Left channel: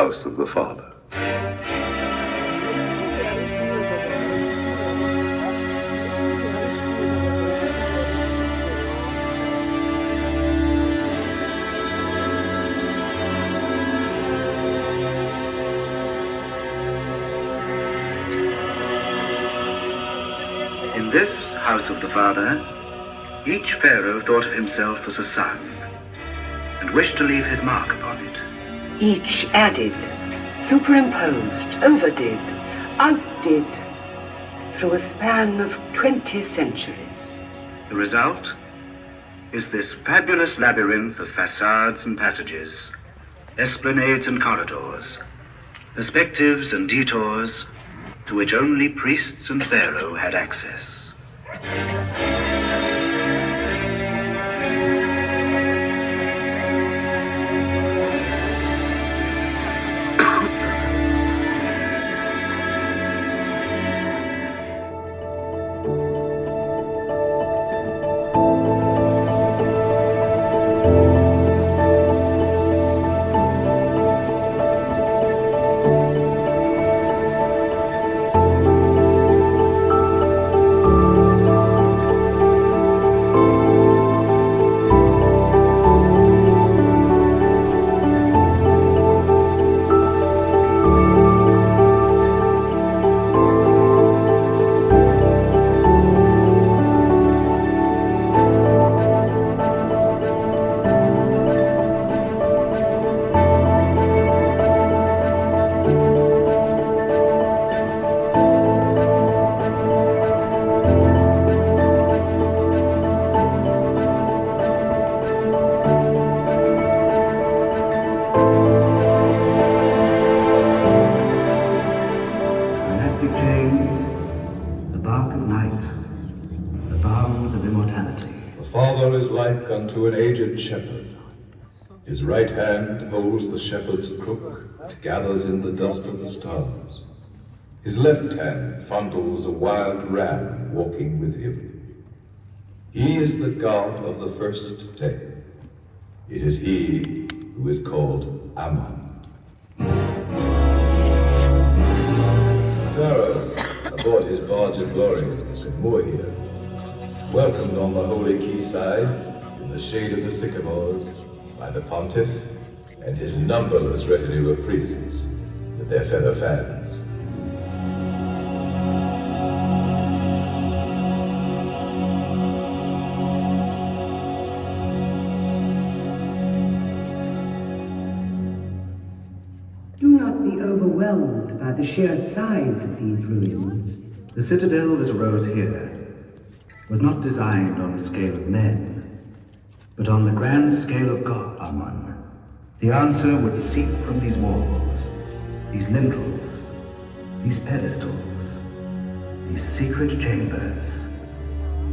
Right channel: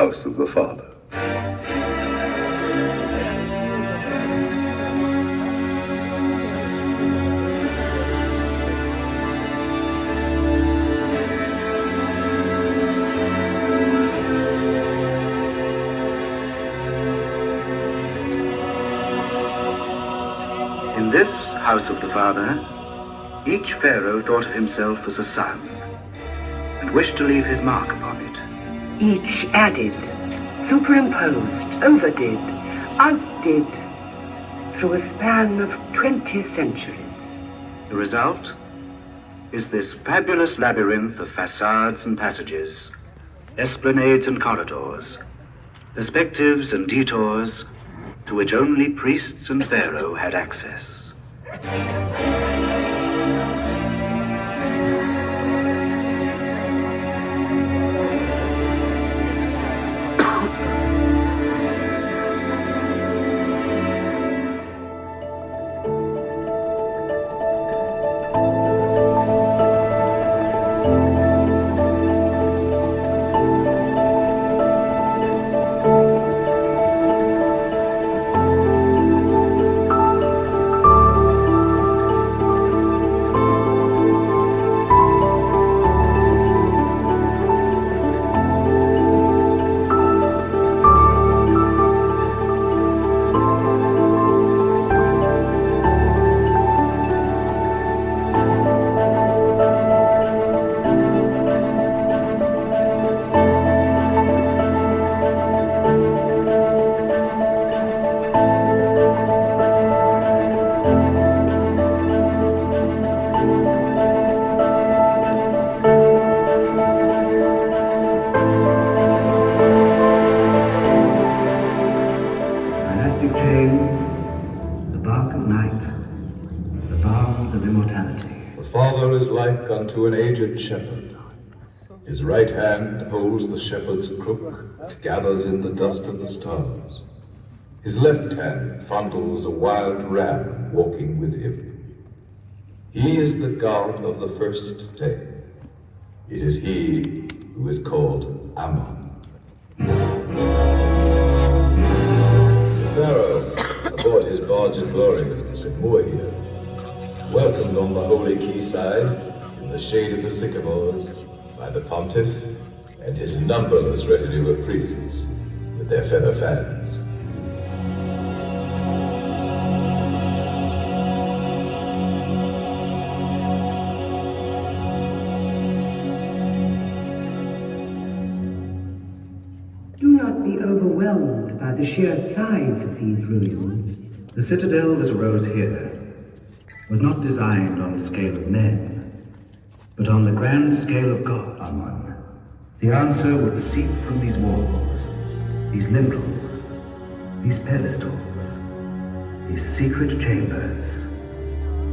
house of the Father. In this house of the Father, each pharaoh thought of himself as a son and wished to leave his mark upon it. Each added, superimposed, overdid, outdid, through a span of 20 centuries. The result is this fabulous labyrinth of facades and passages, esplanades and corridors, perspectives and detours, to which only priests and pharaoh had access. Unto an aged shepherd. His right hand holds the shepherd's crook that gathers in the dust of the stars. His left hand fondles a wild ram walking with him. He is the god of the first day. It is he who is called Ammon. The pharaoh, aboard his barge of glory, should moor here, welcomed on the holy quayside, in the shade of the sycamores, by the pontiff and his numberless retinue of priests with their feather fans. Do not be overwhelmed by the sheer size of these ruins. The citadel that arose here was not designed on the scale of men, but on the grand scale of God, Ammon. The answer would seep from these walls, these lintels, these pedestals, these secret chambers,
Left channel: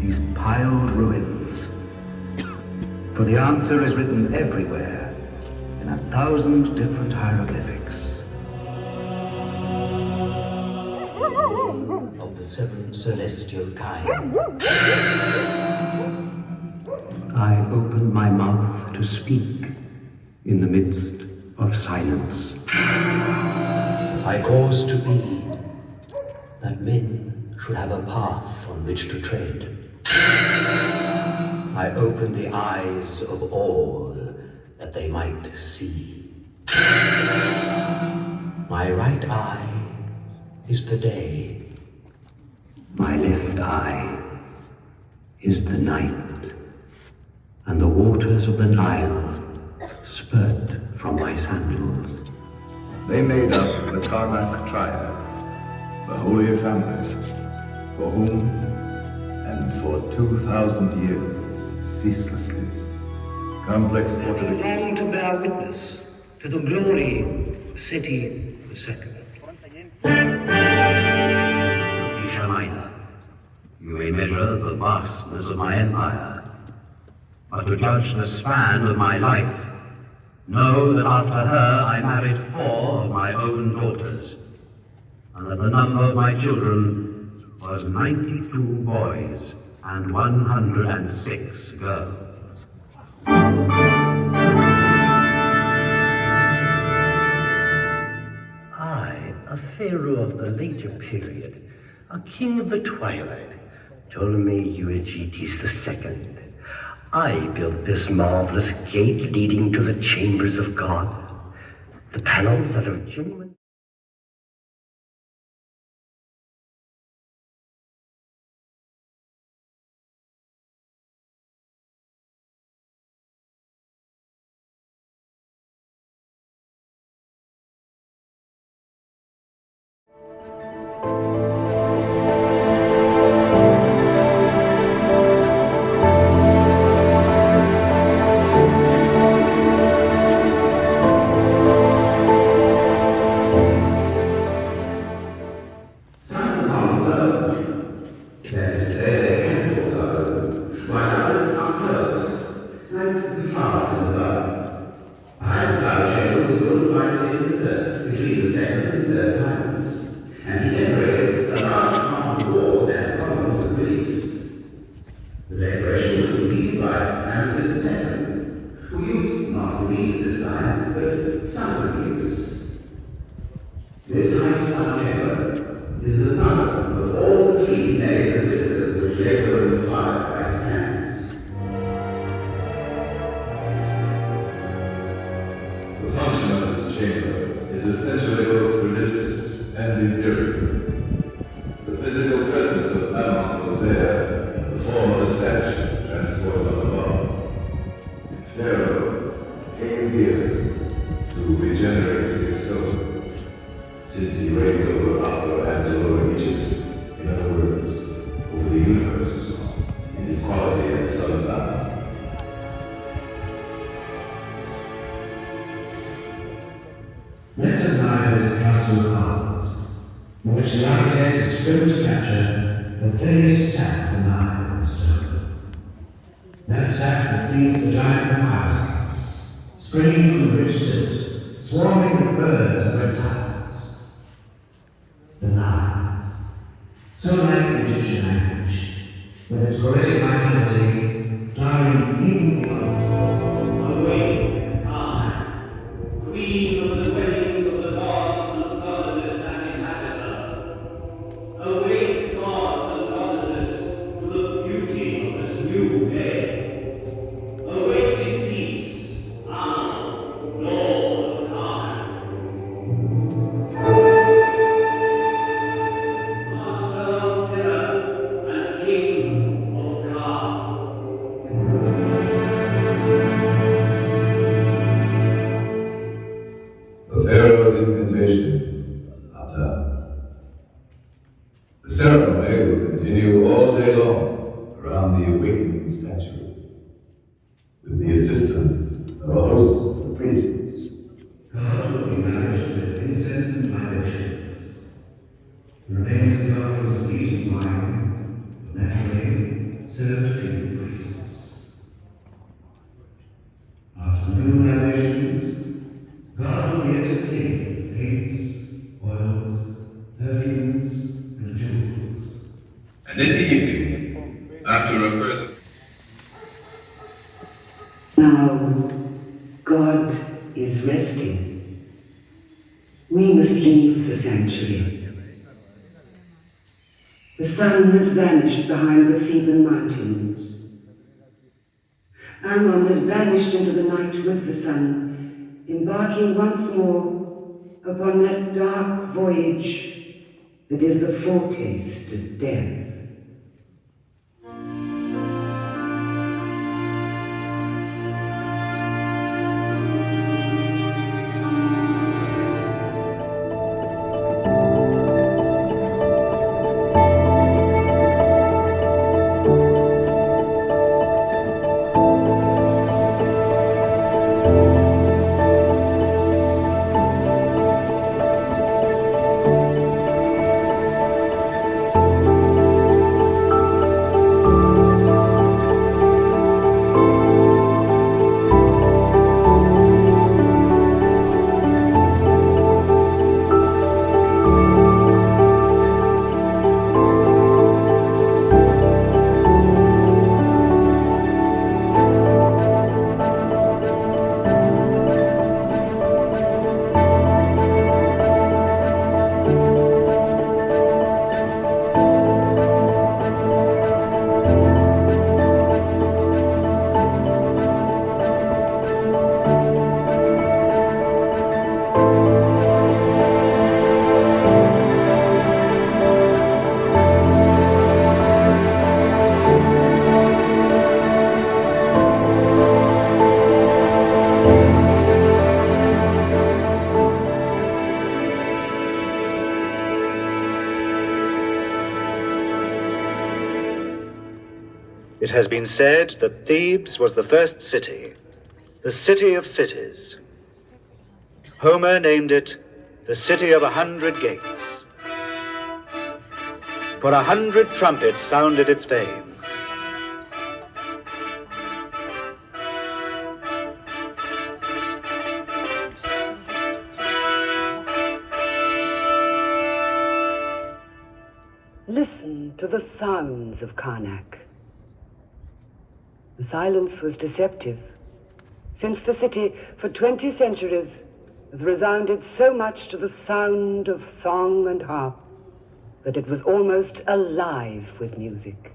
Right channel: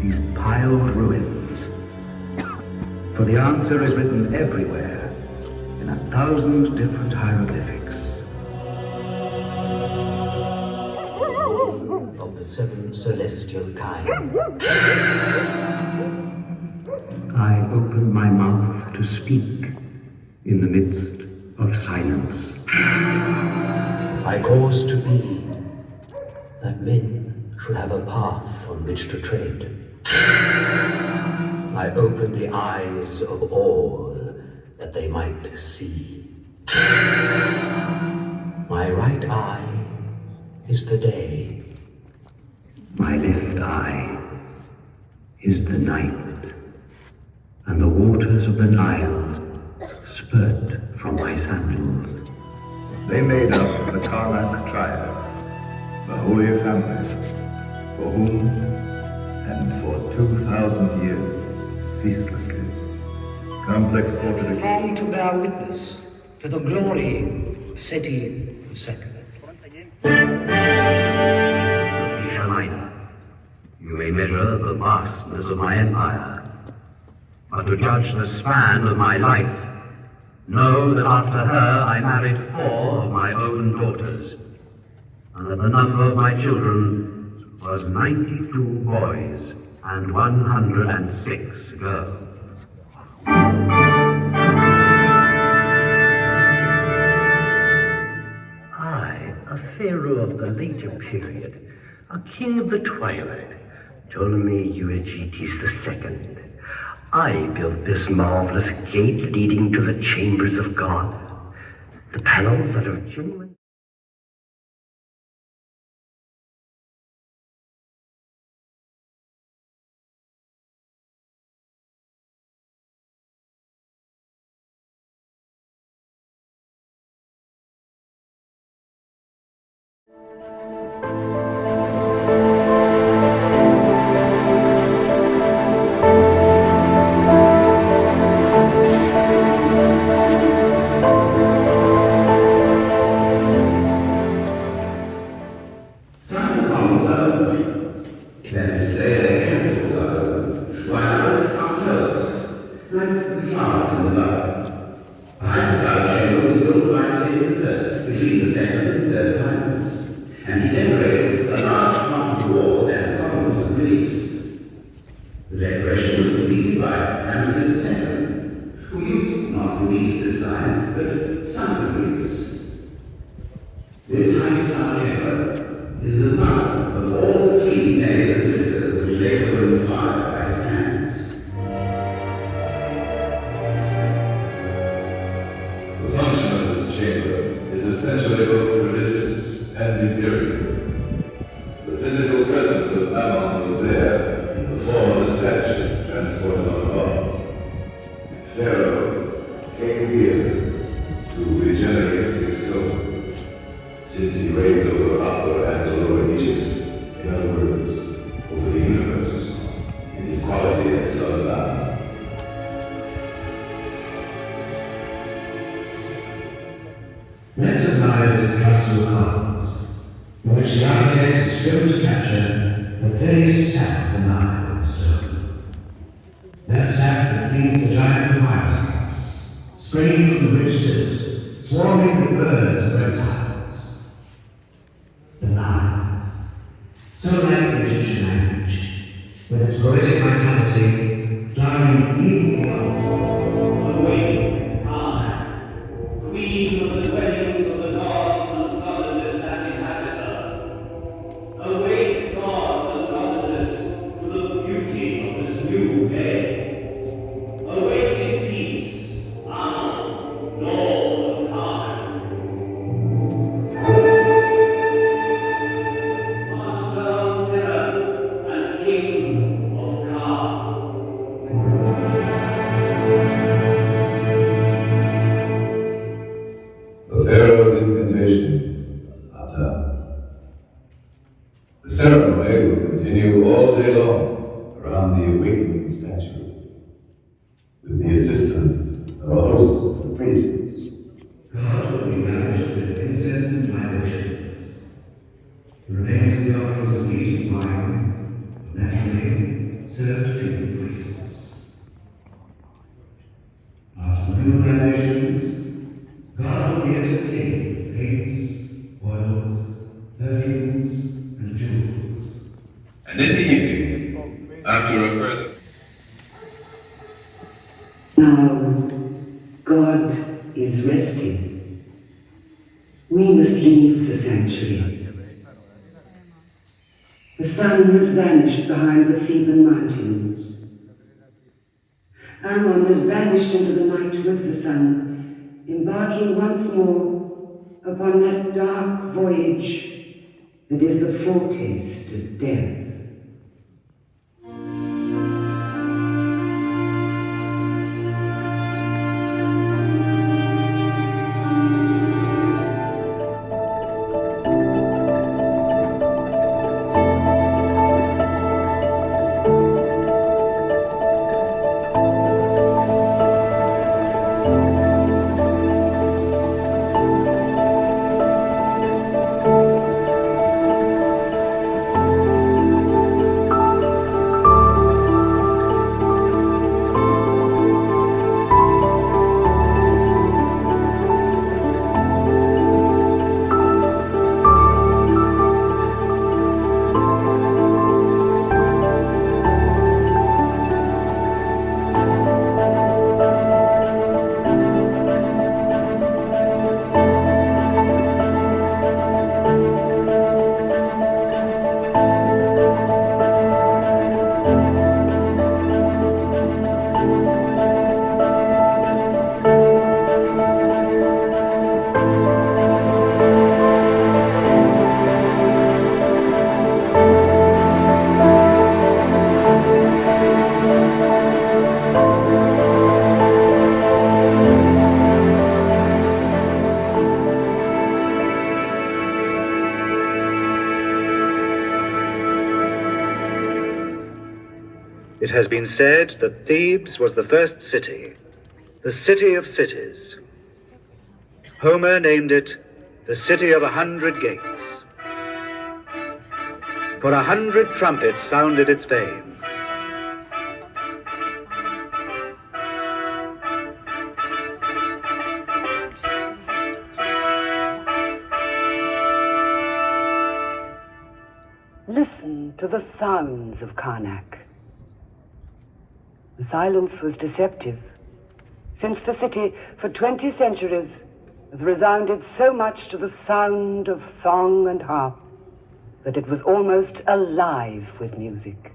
these piled ruins. For the answer is written everywhere, in 1,000 different hieroglyphics. Of the seven celestial kind. I open my mouth to speak in the midst of silence. I cause to be that men should have a path on which to tread. I open the eyes of all that they might see. My right eye is the day. My left eye is the night. And the waters of the Nile spurt from my sandals. They made up the Karnak triad, the holy family, for whom and for 2,000 years, ceaselessly, complex thought had Come to bear witness to the glory of Seti II. Isha Minor, you may measure the vastness of my empire, but to judge the span of my life, know that after her I married 4 of my own daughters, and that the number of my children was 92 boys and 106 girls. pharaoh of the later period, a king of the twilight, Ptolemy Euergetes II. I built this marvelous gate leading to the chambers of God. The panels that are genuine. Pharaoh came here to regenerate his soul, since he reigned over Upper and Lower Egypt, in other words, over the universe, in his quality as son of Ammon. Let's admire this castle of cards, in which the architect has striven to capture the very sap of the Nile stone. That sap that feeds the giant house, springing from rich silt, swarming with birds and reptiles. The Nile, so like the Egyptian language, with its poetic vitality, flowering even beyond. Awake, Karnak, queen of the dwellings of the gods and goddesses that inhabit her. Awake, gods and goddesses, to the beauty of this new day. Awake in peace, Ammon, Lord of Karnak. Master of heaven and King of Ka. The Pharaoh's incantations are done. The ceremony will continue all day long around the awakening statue, with the assistance of a host of priests. God will be nourished with incense and libations. The remains of the offerings of meat and wine, naturally served to the priests. After the new libations, God will be entertained with paints, oils, perfumes, and jewels. And in the evening, after a further Now, God is resting. We must leave the sanctuary. The sun has vanished behind the Theban mountains. Ammon has vanished into the night with the sun, embarking once more upon that dark voyage that is the foretaste of death. It has been said that Thebes was the first city, the city of cities. Homer named it the city of 100 gates. For 100 trumpets sounded its fame. Listen to the sounds of Karnak. The silence was deceptive, since the city for 20 centuries has resounded so much to the sound of song and harp that it was almost alive with music.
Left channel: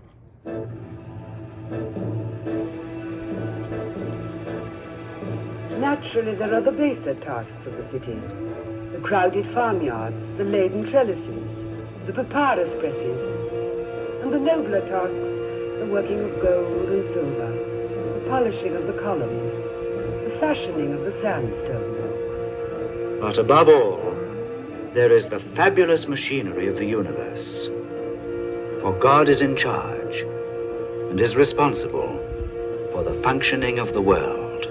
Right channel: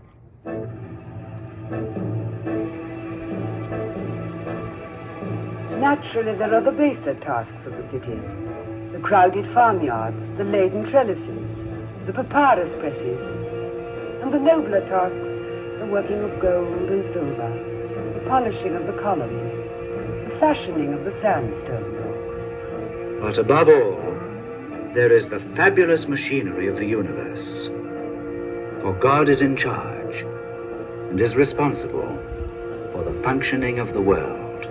Naturally, there are the baser tasks of the city, the crowded farmyards, the laden trellises, the papyrus presses, and the nobler tasks, the working of gold and silver, the polishing of the columns, the fashioning of the sandstone blocks. But above all, there is the fabulous machinery of the universe. For God is in charge and is responsible for the functioning of the world.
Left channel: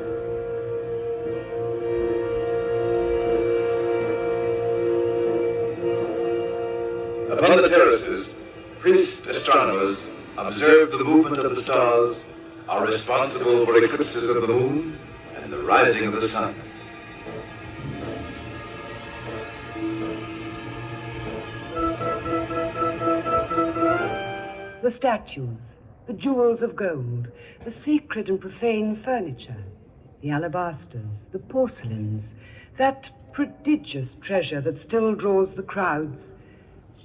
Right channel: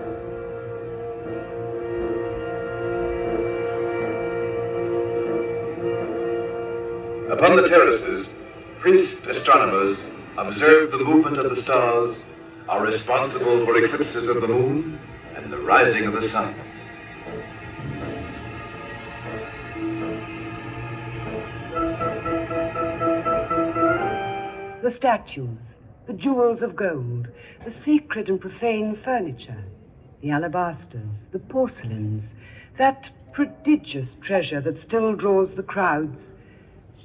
Upon the terraces, priest astronomers observe the movement of the stars, are responsible for eclipses of the moon and the rising of the sun. The statues, the jewels of gold, the sacred and profane furniture, the alabasters, the porcelains, that prodigious treasure that still draws the crowds,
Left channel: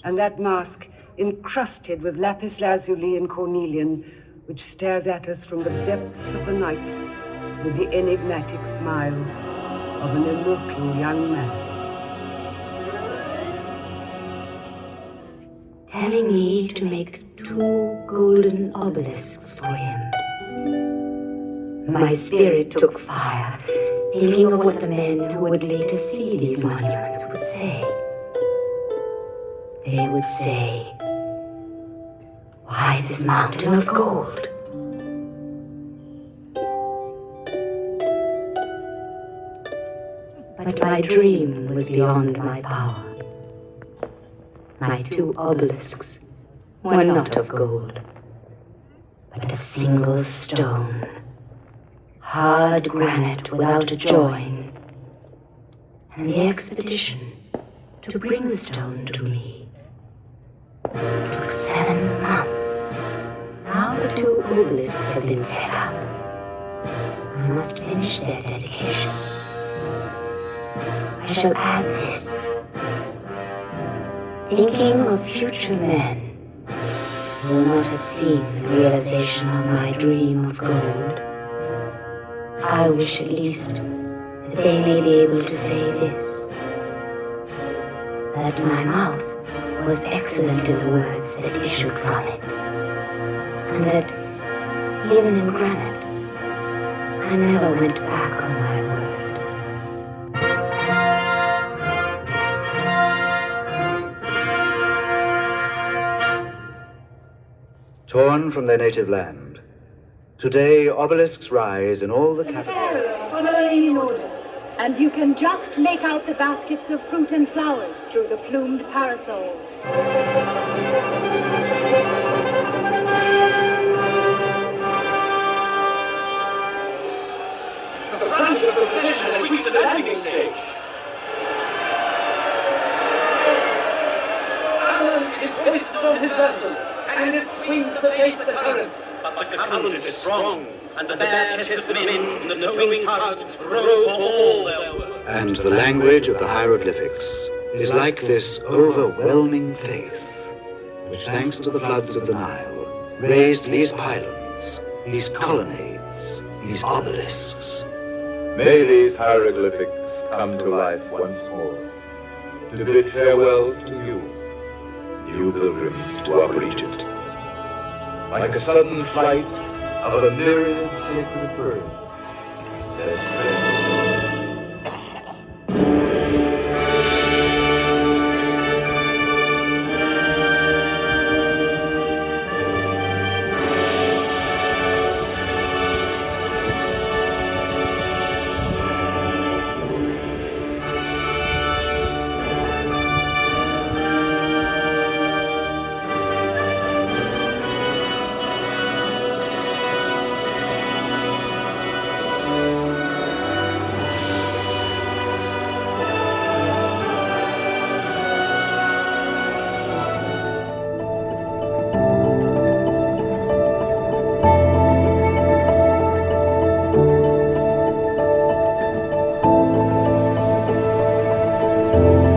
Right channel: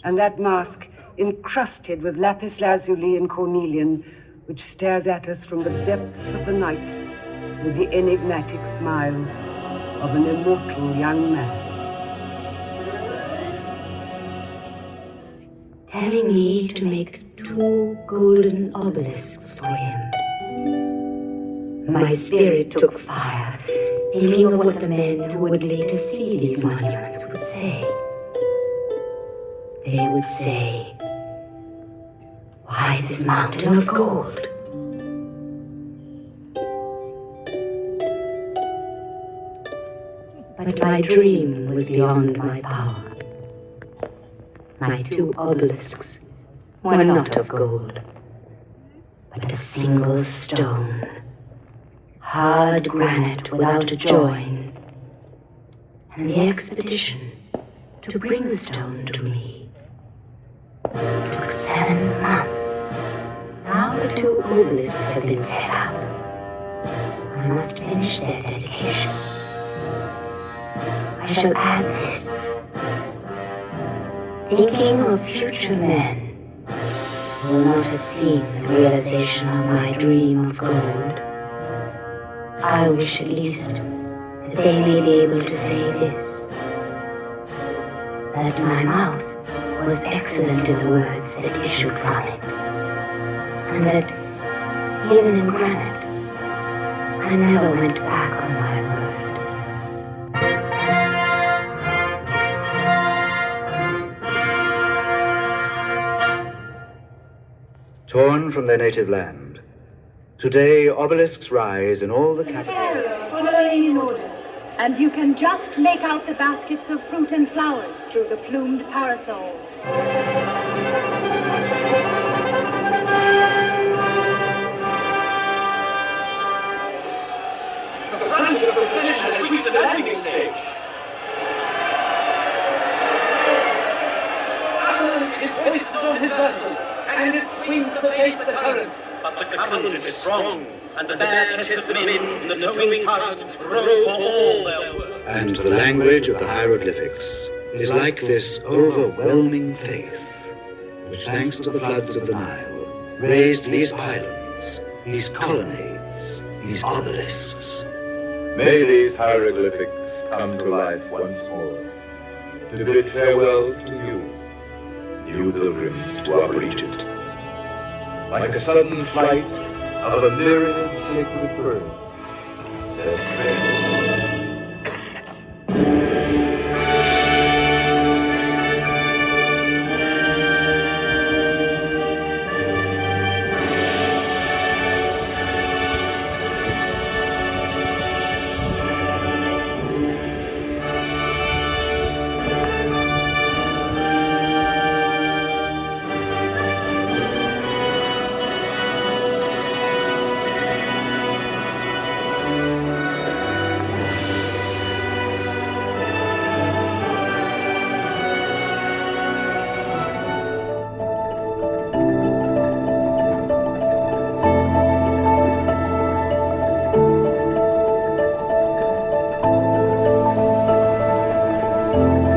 and that mask encrusted with lapis lazuli and cornelian, which stares at us from the depths of the night with the enigmatic smile of an immortal young man. Telling me to make 2 golden obelisks for him. My spirit took fire, thinking of what the men who would later see these monuments would say. They would say, "Why this mountain of gold?" But my dream was beyond my power. My 2 obelisks were not of gold, but a single stone, hard granite without a join, and the expedition to bring the stone to me took 7 months. Now the 2 obelisks have been set up. I must finish their dedication. I shall add this. Thinking of future men who will not have seen the realization of my dream of gold, I wish at least that they may be able to say this, that my mouth was excellent in the words that issued from it, and that, even in granite, I never went back on my word. Torn from their native land, today obelisks rise in all the capitals. Following in order. And you can just make out the baskets of fruit and flowers through the plumed parasols. The front of the procession has reached the landing stage. Ammon is hoisted on his vessel, and it swings to face the current. But the current is strong, and the bare-chested men in the towing tugs row for all their work. And the language of the hieroglyphics is like this overwhelming faith, which, thanks to the floods of the Nile, raised these pylons, these colonnades, these obelisks. May these hieroglyphics come to life once more, to bid farewell to you, new pilgrims to Upper Egypt. Like a sudden flight of a myriad sacred birds, their splendor. Ammon.